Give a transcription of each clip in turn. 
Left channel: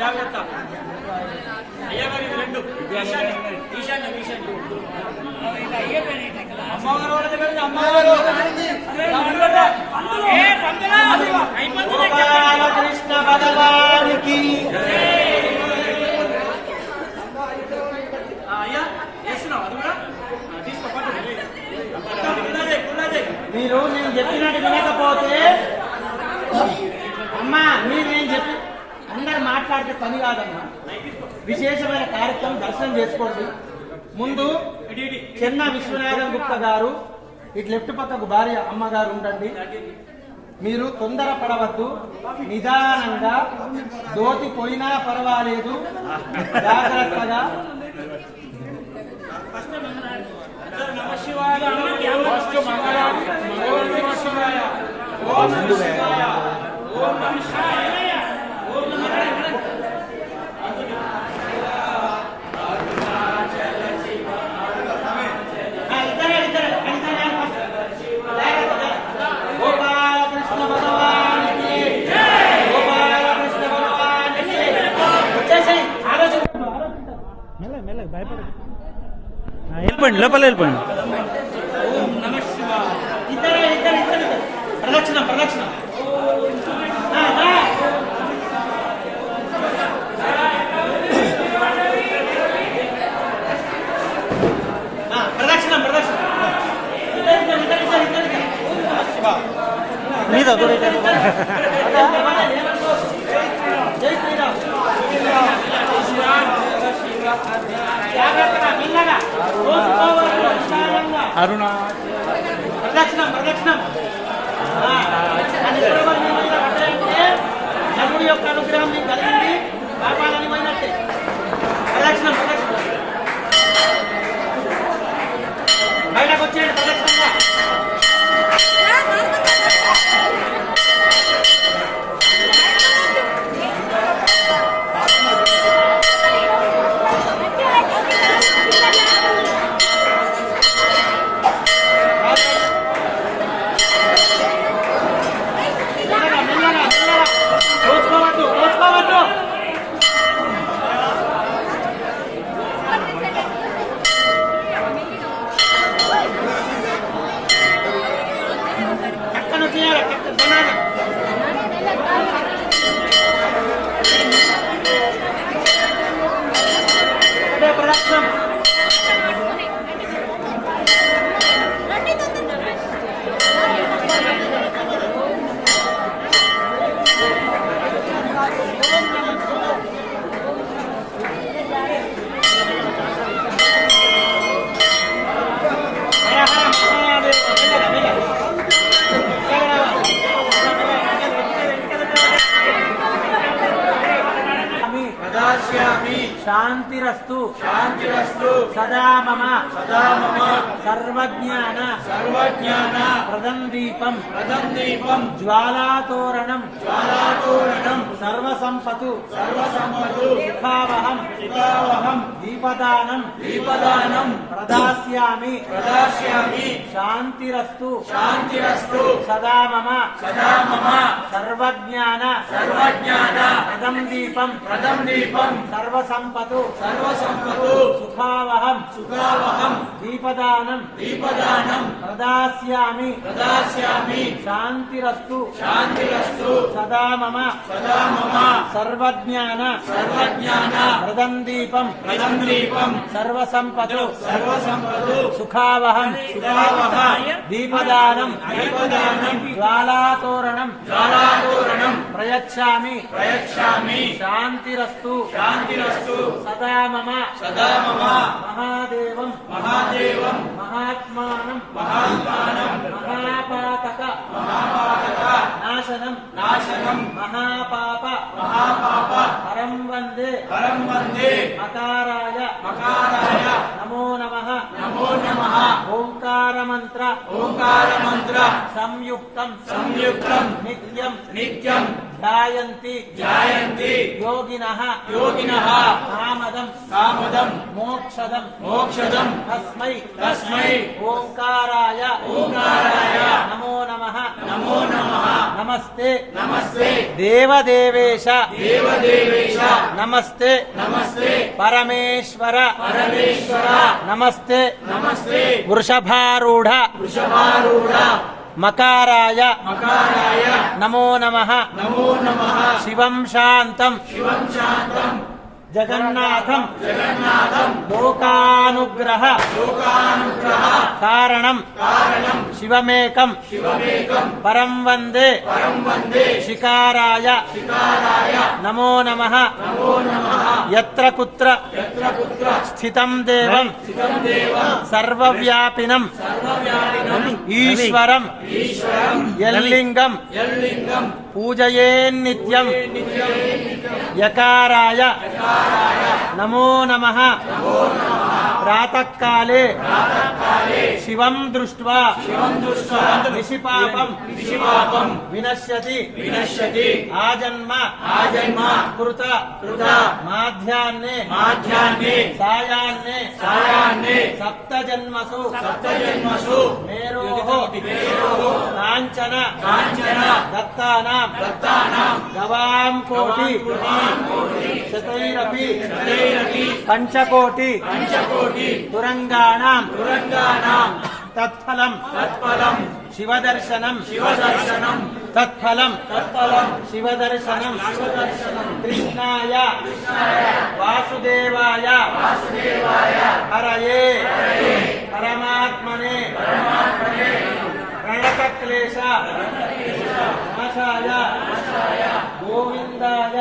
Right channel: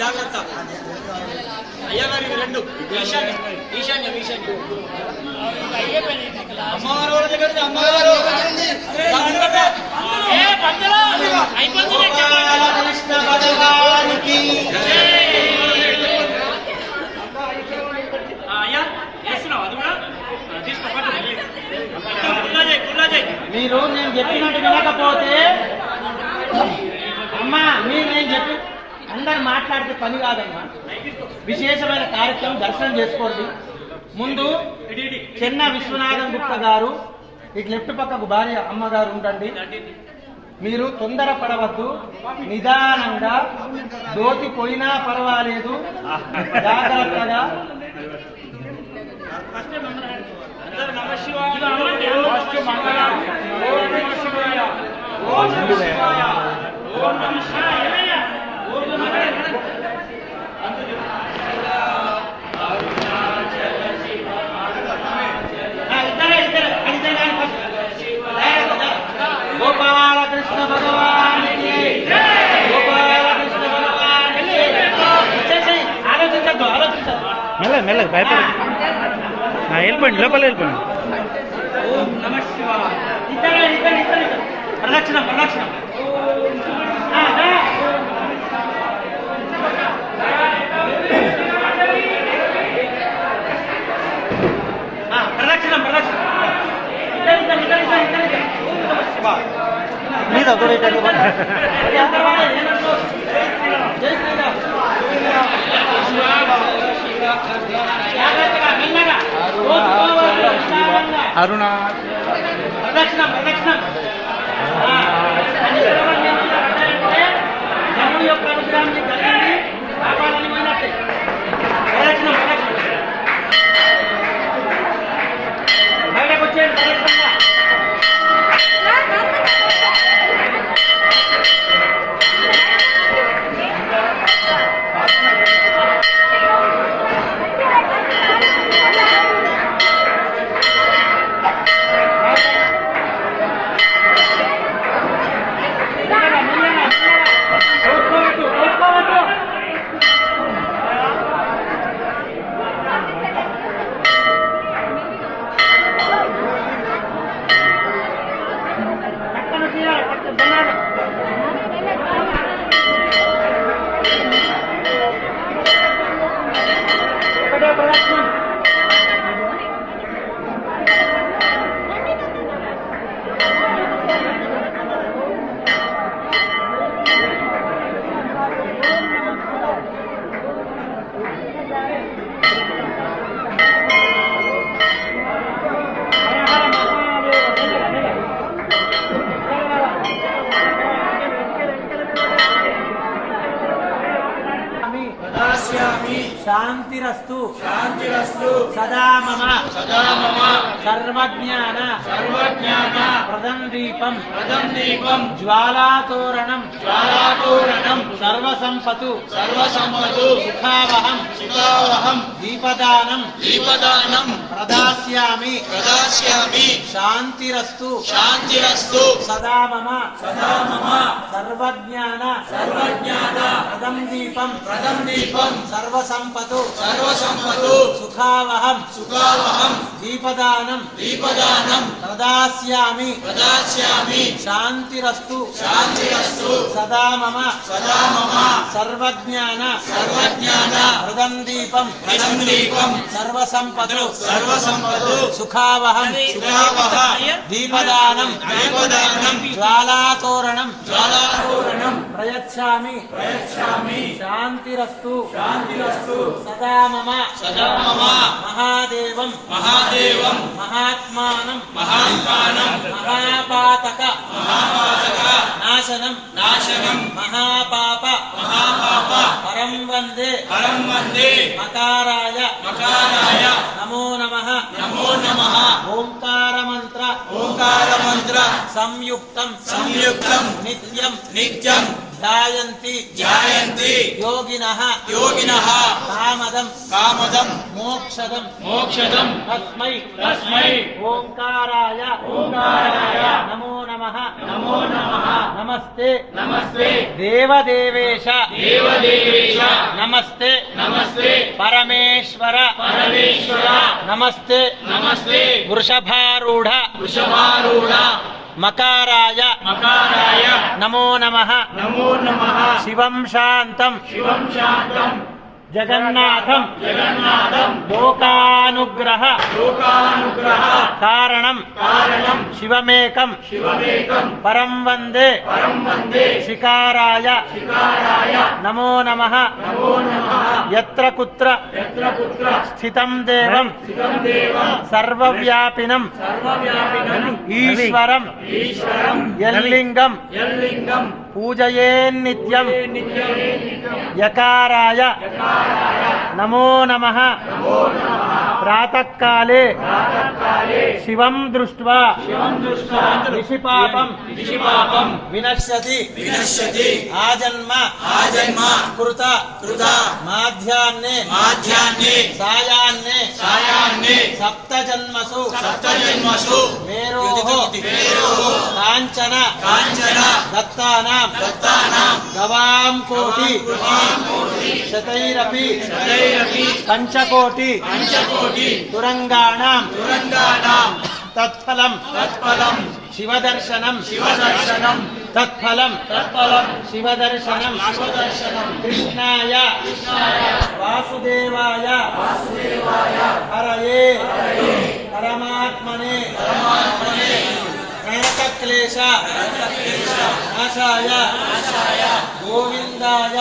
జాగ్రత్త అయ్యగారి రెండు ఈశాన్యం అమ్మవారు వాళ్ళ దగ్గర అమ్మవారు కృష్ణ భగవానికి మీరు నేను చెప్పినట్టు వినకపోతే అమ్మా మీరు నేను చెప్పి అందరు మాట్లాడితే పని కాదమ్మా. విశేషమైన కార్యక్రమం దర్శనం చేసుకోండి. ముందు చెన్న విశ్వనాథం గుప్త గారు ఇటు లెఫ్ట్ పక్కకు భార్య అమ్మగారు ఉండండి. మీరు తొందర పడవద్దు, నిదానంగా దోతి పోయినా పర్వాలేదు, జాగ్రత్తగా. గోపాలకృష్ణ భగవానికి ఆలోచించద్దు మెల్లగా భయపడ వెళ్ళిపోండి లోపల వెళ్ళిపోండి. ఓం నమః శివాయ. ఇద్దరు ప్రదక్షిణ ప్రదక్షిణ మీద జై అరుణ ప్రదక్షిణ చదువు యొక్క అనుగ్రహం కలిగింది కాపాడాలి పోయినట్టే. ప్రదక్షిణ బయటకు వచ్చేయండి ప్రదక్షిణంగా. శాంతిరస్తు సదా మమ సర్వజ్ఞాన ప్రదందీపం జ్వాలాతోరణం సర్వసంపతు సుఖావహం దీపదానం ప్రదాస్యామి శాంతిరస్తు సదా మమ సర్వజ్ఞాన ప్రదందీపం సర్వసంపతు సుఖావహం దీపదానం ప్రదాస్యామి శాంతిరస్తు సదా మమ సర్వజ్ఞాన ప్రదందీపం సర్వసంపదు సుఖావహం దీపదానం జ్వాలాతోరణం ప్రయచ్ఛామి శాంతిరస్తు సదా మమ మహాదేవం మహాత్మానం మహాపాతక నాశనం మహాపాప పరం వందే మకారాయ నమో నమః ఓంకార మంత్ర సంయుక్తం నిత్యం ధ్యాయంతి ధ్యాయంతి యోగినః యోగినః కామదం మోక్షదం తస్మై ఓంకారాయ నమో నమః నమస్తే దేవదేవేశ నమస్తే పరమేశ్వర నమస్తే వృషభారూఢ మకారాయ నమో నమః శివం శాంతం జగన్నాథం లోకానుగ్రహ కారణం శివమేకం పరం వందే శికారాయ నమో నమః యత్ర కుత్ర స్థితం దేవం సర్వవ్యాపినం ఈశ్వరం యల్లింగం పూజయేన్నిత్యం యకారాయ నమో నమః ప్రాతఃకాలే శివం దృష్ట్వా నిశిపాపం వినశ్యతి ఆజన్మ కృత మాధ్యాన్నే సాయాన్నే సప్తజన్మసు మేరోః కాంచన దత్తానాం గవాం కోటి శతైరపి పంచకోటి తురంగాణాం తత్ఫలం శివదర్శనం తత్ఫలం శివదర్శనం కృష్ణాయ వాసుదేవాయ హరయే పరమాత్మనే ప్రణతక్లేశ నాశాయ గోవిందాయ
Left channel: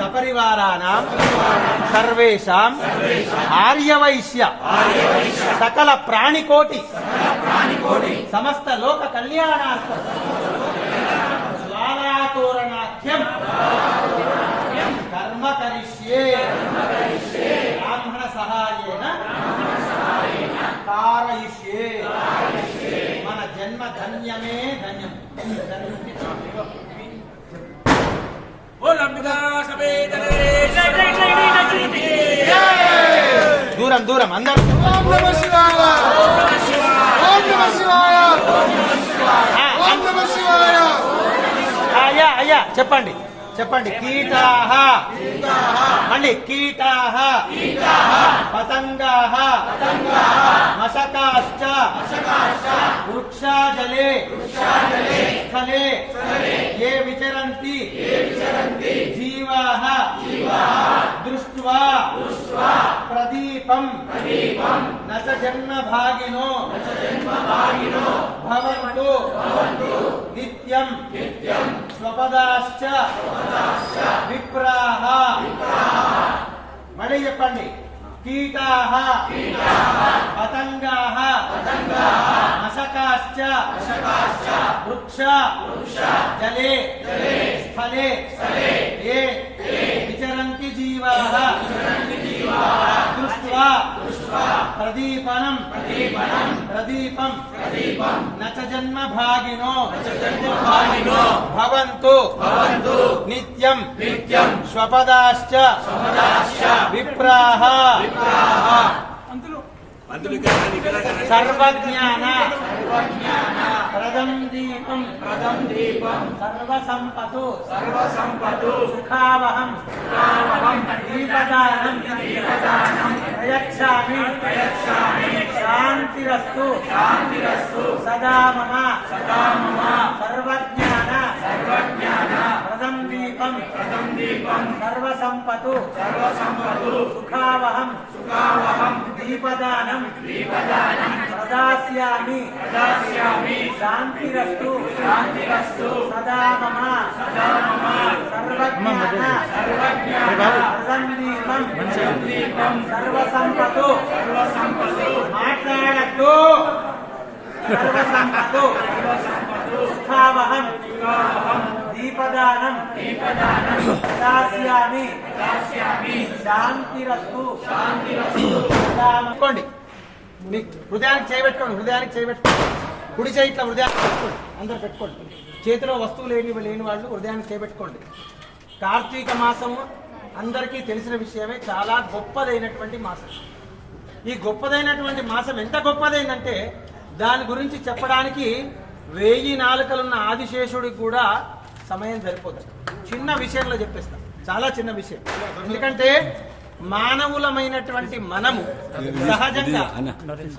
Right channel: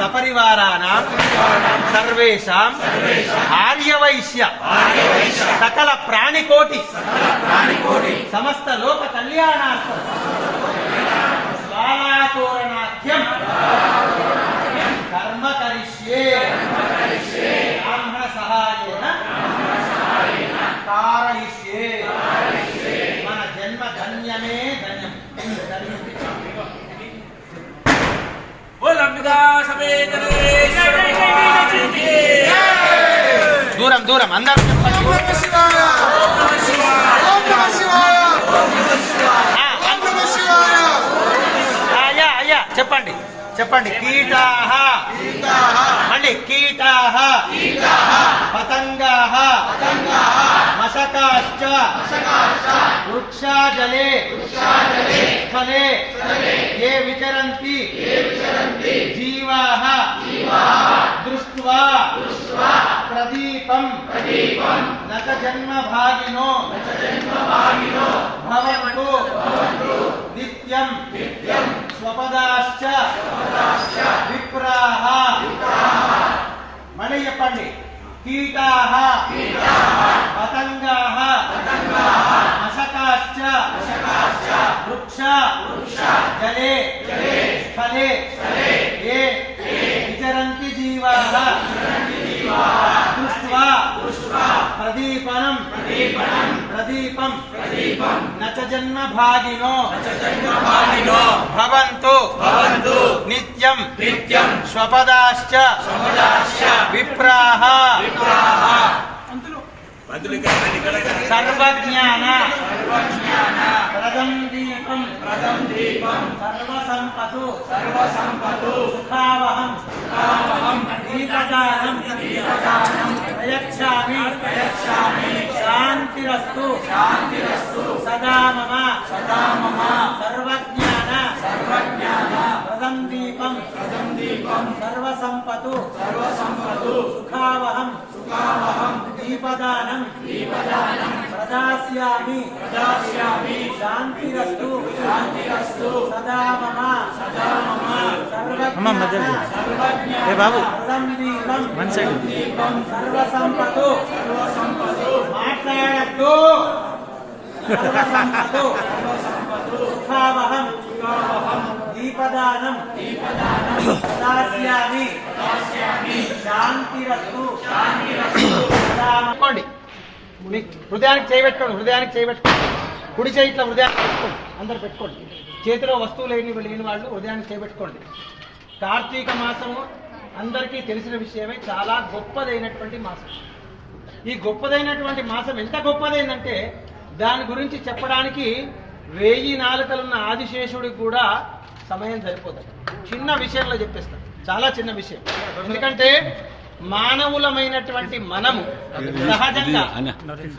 సపరివారాణాం సర్వేషాం ఆర్యవైశ్య సకల ప్రాణికోటి సమస్త లోక కళ్యాణార్థం జ్వాలాతోరణాఖ్యం కర్మ కరిష్యే బ్రాహ్మణ సహాయేన कारयिष्ये मन जन्म धन्यमे धन्यम दूरम दूरम अंदर आया చెప్పండి కీటాః మళ్ళీ కీటాః పతంగాః మశకాశ్చ వృక్షాజలే స్థలే ఏ విచరంతి జీవాః దృష్ట్వా ప్రదీపం నచ జన్మభాగినో భవంతు నిత్యం స్వపదాశ్చ విప్రాః మళ్ళీ చెప్పండి కీటాః పతంగాః మశకాశ్చ వృక్ష జలే స్థలే ఏ విచరంతి జీవాః దృష్ట్వా ప్రదీపం నచ జన్మభాగినో భవంతు నిత్యం స్వపదాశ్చ విప్రాః సర్వజ్ఞాన ప్రదం దీపం సర్వసంపతు సుఖావహం దీపదానం ప్రయచ్ఛామి శాంతిరస్తు సదా మమ సర్వజ్ఞాన ప్రదం దీపం సర్వసంపతు సుఖావహం దీపదానం ప్రదాస్యామి శాంతిరస్తు సదా మమ సర్వజ్ఞానం సర్వసంపతు మాట్లాడద్దు సర్వసంపతు సుఖావహం దీపదానం ప్రదాస్యామి శాంతిరస్తు సదా మమ. హృదయానికి చేయబెట్టుకోండి కుడి చేయి ఇట్లా హృదయాన్ని పెట్టుకోండి, అందరు పెట్టుకోండి. చేతిలో వస్తువు లేని వాళ్ళు హృదయాన్ని చేపెట్టుకోండి. కార్తీక మాసము అందరికీ తెలిసిన విషయమే, చాలా గొప్పదైనటువంటి మాసం. ఈ గొప్పదైనటువంటి మాసం ఎంత గొప్పదైందంటే దాని గురించి చెప్పడానికి 1000 నాలుకలున్న ఆదిశేషుడికి కూడా సమయం సరిపోతుంది. చిన్న విషయంలో చెప్పేస్తా, చాలా చిన్న విషయం. ఎందుకంటే మానవులమైనటువంటి మనము, సహజంగా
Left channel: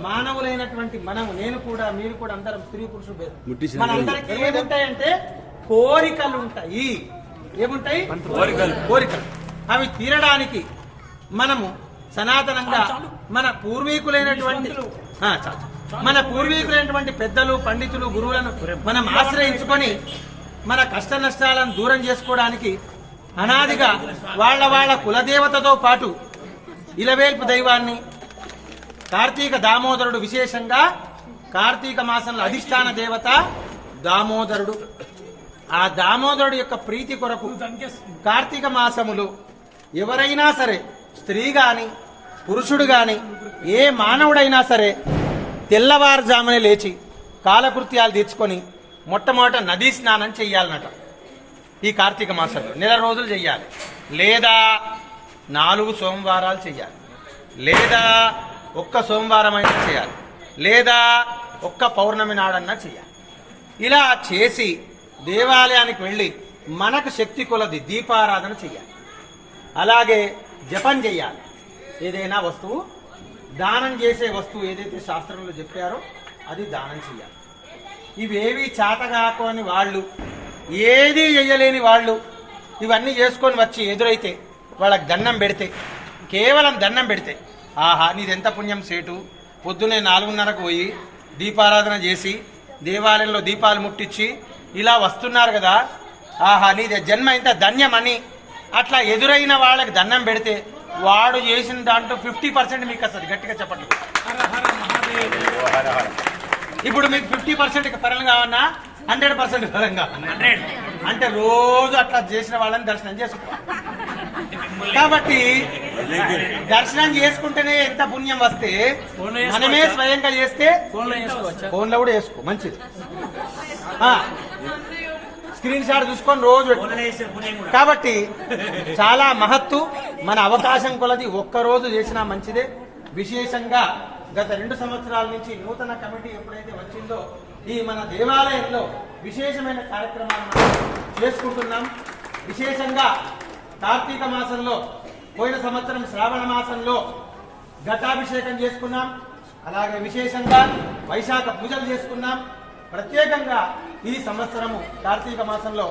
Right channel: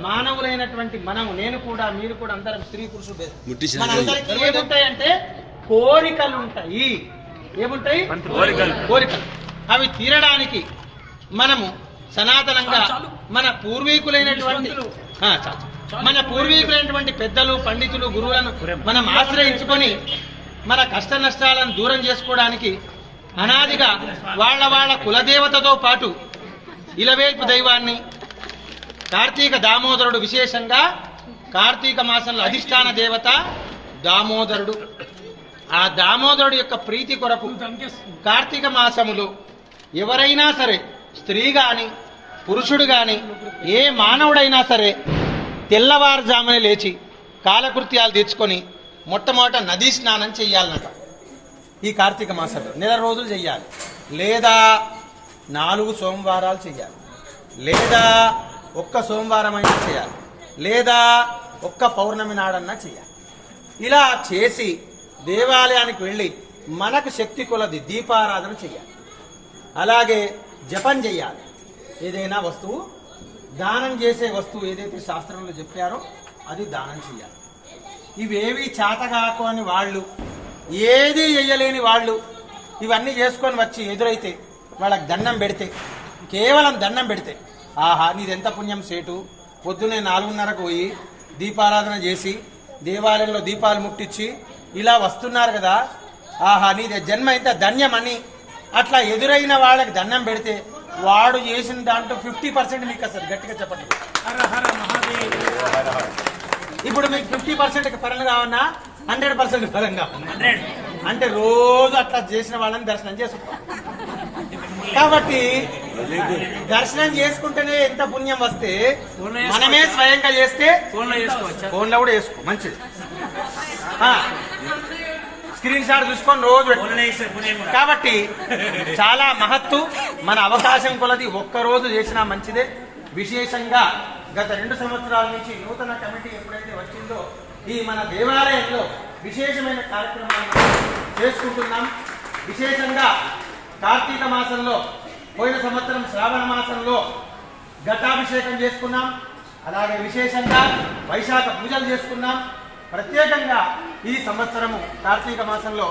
మానవులైనటువంటి మనము, నేను కూడా మీరు కూడా అందరం స్త్రీ పురుషుడు, మనందరికీ ఏముంటాయంటే కోరికలు ఉంటాయి. ఏముంటాయి? కోరికలు. అవి తీరడానికి మనము సనాతనంగా మన పూర్వీకులైనటువంటి పెద్దలు, పండితులు, గురువులను మనం ఆశ్రయించుకొని మన కష్ట నష్టాలను దూరం చేసుకోవడానికి అనాదిగా వాళ్ళ కులదేవతతో పాటు ఇలవేల్పు దైవాన్ని, కార్తీక దామోదరుడు, విశేషంగా కార్తీక మాసంలో అధిష్టాన దేవత దామోదరుడు. ఆ దామోదరుడు యొక్క ప్రీతి కొరకు కార్తీక మాసములు ఎవరైనా సరే, స్త్రీ గాని పురుషుడు గాని ఏ మానవుడైనా సరే తెల్లవారుజామునే లేచి కాలకృత్యాలు తీర్చుకొని మొట్టమొదట నదీ స్నానం చెయ్యాలన్నట. ఈ కార్తీక మాసంలో నెల రోజులు చెయ్యాలి, లేదా 4 సోమవారాలు చెయ్యాలి, లేదా ఒక్క సోమవారం అయినా చేయాలి, లేదా ఒక్క పౌర్ణమి నాడన్నా చేయాలి. ఇలా చేసి దేవాలయానికి వెళ్ళి మనకు శక్తి కొలది దీపారాధన చెయ్యాలి. అలాగే జపం చెయ్యాలి. ఏదైనా వస్తువు, దానం చేసే వస్తువు ఏదైతే శాస్త్రంలో చెప్పారో అది దానం చెయ్యాలి. ఇవేవి చేతగాకోని వాళ్ళు, ఏది చెయ్యలేని వాళ్ళు ఇవన్నీ చేసుకొని వచ్చి ఎదురైతే వాళ్ళకి దండం పెడితే, కేవలం దండం పెడితే, ఆహా నీదెంత పుణ్యం సేటు, పొద్దునే 4:30కు పోయి దీపారాధన చేసి దేవాలయంలో దీపాలు ముట్టించి ఇలా వస్తున్నారు కదా, ఆహా నీది జన్మ ఇంత ధన్యమని అట్లా ఎదురైన వాళ్ళకి దండం పెడితే వాడు చేసిన దాంట్లో 50% మీకు వస్తుంది. గట్టిగా చెప్పండి. ఇప్పుడు మీకు 50% ఫలం కావన్నా 100% ఫలం కావన్నా, అంటే రోజు అట్లా చేసిన వాళ్ళని దర్శనం చేసుకుంటాం. కాబట్టి దర్శనం చేసుకుంటేనే ఎంత పుణ్యం వస్తే, మనమే స్వయంగా చేస్తే ఫోన్లో కూడా వేసుకో, మంచిది. స్క్రీన్ షాట్ చూసుకొని రోజు. కాబట్టి చాలా మహత్తు. మన అవకాశం కొలది ఒక్కరోజు చేసినా మంచిదే. విశేషంగా గత 2 సంవత్సరాల నుంచి నూతన కమిటీ ఎప్పుడైతే వచ్చిందో ఈ మన దేవాలయంలో విశేషమైన కార్యక్రమాలను చేసుకుంటున్నాం. విశేషంగా కార్తీక మాసంలో, పోయిన సంవత్సరం శ్రావణ మాసంలో ఘటాభిషేకం చేసుకున్నాం. అలాగే విశేషంగా వైశాఖ పూజలు చేసుకున్నాం. ప్రత్యేకంగా ఈ సంవత్సరము కార్తీక మాసంలో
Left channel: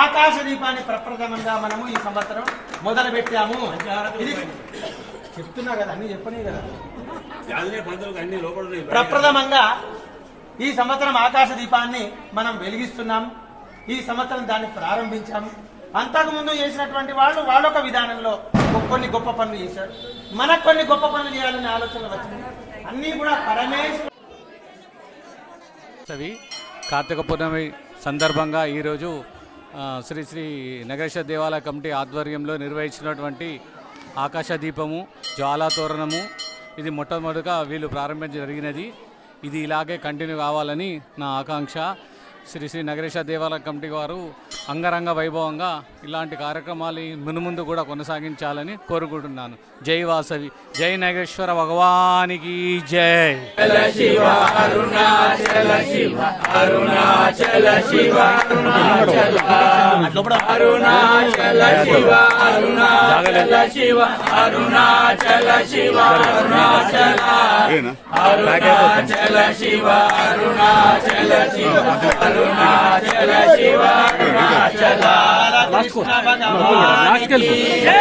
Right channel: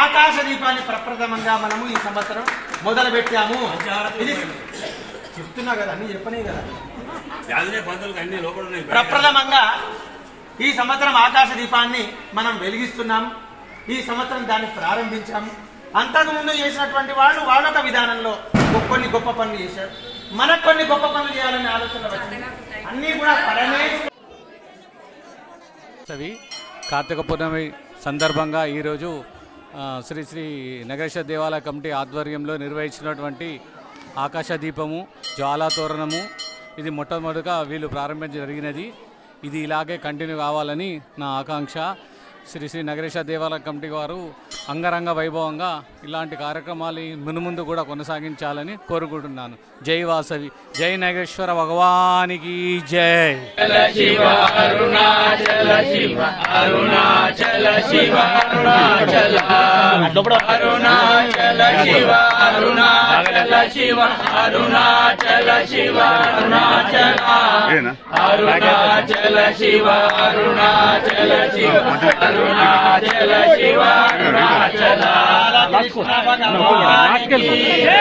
ఆకాశ దీపాన్ని ప్రప్రథమంగా మనము ఈ సంవత్సరం మొదలు పెట్టాము. ఇది చెప్తున్నా కదా, అన్ని చెప్పనే కదా. ప్రప్రథమంగా ఈ సంవత్సరం ఆకాశ దీపాన్ని మనం వెలిగిస్తున్నాం. ఈ సంవత్సరం దాన్ని ప్రారంభించాము. అంతకుముందు చేసినటువంటి వాళ్ళొక విధానంలో కొన్ని గొప్ప పనులు చేశారు. మనకు కొన్ని గొప్ప పనులు చేయాలనే ఆలోచన వచ్చింది. అన్ని కూడా కార్తీక పూర్ణమి సందర్భంగా ఈరోజు శ్రీ శ్రీ నగరేశ్వర దేవాలయ కమిటీ ఆధ్వర్యంలో నిర్వహించినటువంటి ఆకాశ దీపము, జ్వాలా తోరణము, ఇది మొట్టమొదటిగా వీళ్ళు ప్రారంభించడం జరిగినది. ఇది ఇలాగే కంటిన్యూ కావాలని నా ఆకాంక్ష. శ్రీ శ్రీ నగరేశ్వర దేవాలయ కమిటీ వారు అంగరంగ వైభవంగా ఇలాంటి కార్యక్రమాలు మునుముందు కూడా కొనసాగించాలని కోరుకుంటున్నాను. జై వాసవి, జై నగరేశ్వర భగవానికి జై. శివ అరుణాచల శివ అరుణాచల శివ అరుణాచల అరుణాచల శివ అరుణాచల శివ అరుణాచల శివ అరుణాచల అరుణాచల శివ అరుణాచల శివ అరుణాచల శివ అరుణాచల కృష్ణ భగవానికి జై.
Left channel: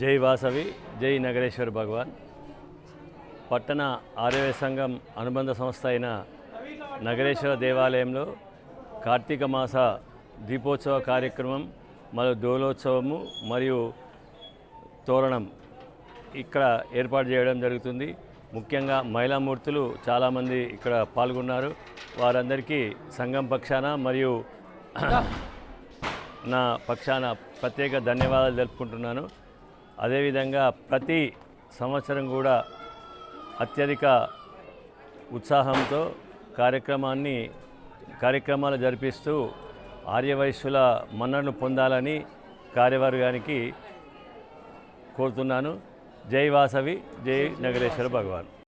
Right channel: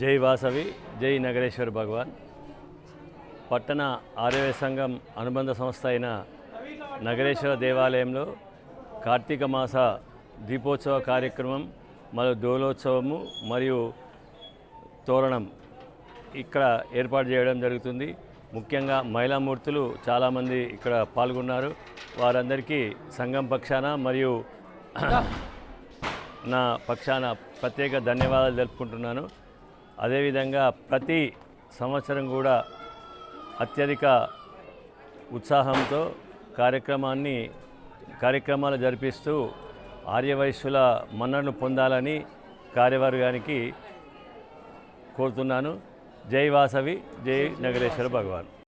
జై వాసవి, జై నగరేశ్వర భగవాన్. పట్టణ ఆర్యవ సంఘం అనుబంధ సంస్థ అయిన నగరేశ్వర దేవాలయంలో కార్తీక మాస దీపోత్సవ కార్యక్రమం మరియు దోలోత్సవము మరియు తోరణం ఇక్కడ ఏర్పాటు చేయడం జరుగుతుంది. ముఖ్యంగా మహిళామూర్తులు చాలామంది ఇక్కడ పాల్గొన్నారు. వారందరికీ సంఘం పక్షాన మరియు నా పక్షాన ప్రత్యేక ధన్యవాదాలు తెలుపుకుంటున్నాను. అదేవిధంగా ప్రతి సంవత్సరం కూడా అత్యధిక ఉత్సాహంతో కార్యక్రమాలు జరిపిస్తూ ఆర్యవైశ్యుల మన్ననను పొందాలని కార్యవర్గానికి కోరుతున్నాను. జై వాసవి, జై నగరేశ్వర భగవాన్.